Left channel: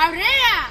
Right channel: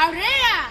Aurrera!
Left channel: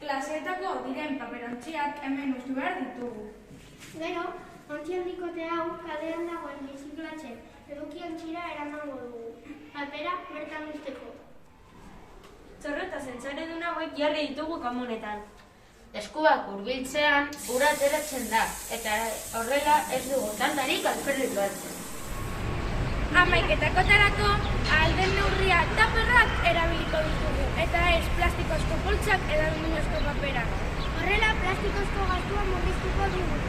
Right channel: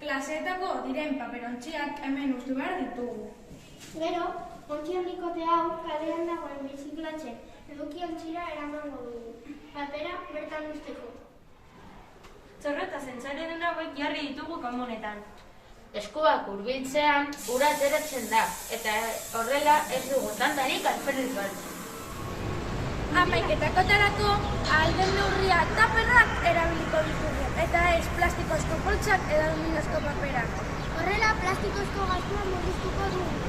Klaseetako diren paperontziak hemen ustu behar ditugu. Gero, ontzi handikote hau kalean dagoen biziklatzen edukiontzira eramango dugu. Papera bertan usteko. Zorro eta zentzarudun hauek jarri ditugu komunetan. Eskuak hurbiltzean ura ateratzen da, eta horrela ez dugu tantarik asperritu hartzen. Hamaiketakotarako ahal den neurria taperrak erabiliko ditugu, eta ez plastikozko poltsak edo aluminozko paperak. Horrela, plastikozko gastua murriztuko dugu.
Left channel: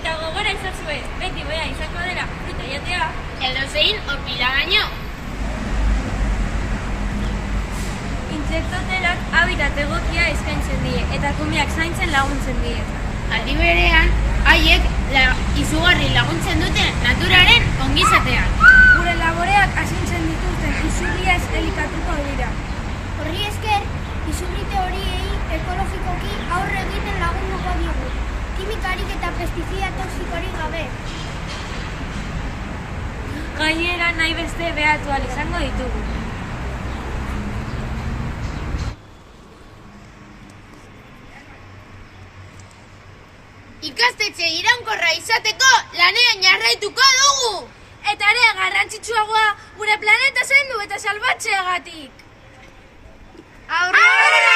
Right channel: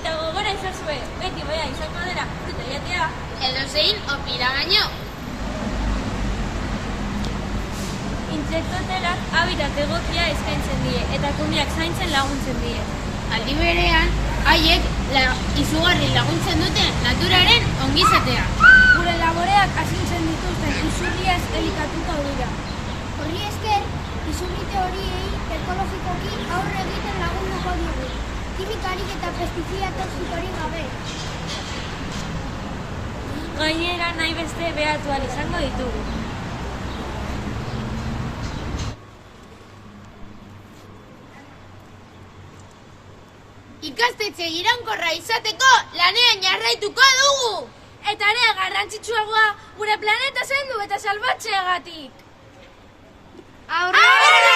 Eta gogora ezazue, beti boia izango dela fruta jatea. Edozein opiragaino. Intsektotelak habitat egokia eskaintzen die, eta kumeak zaintzen laguntzen die. Aldi berean, haiek izugarri laguntzen dute naturaren ongizatean. Gure laboreak azintzen dituzten isurriaz elikatuko dira. Horri esker, isurrite horiei ekologikoki aurre egiten lagunduko digu. Kimikarik eta pestizida toxikorik gabe. Gainera nahi beste behatu ahal izango ditugu. Ikastetxe iraunkorra izateko lanean jarraituko dugu! Eta ere garrantzitsuagoa gure planeta zaindu eta salbatzeagatik. Aurrera!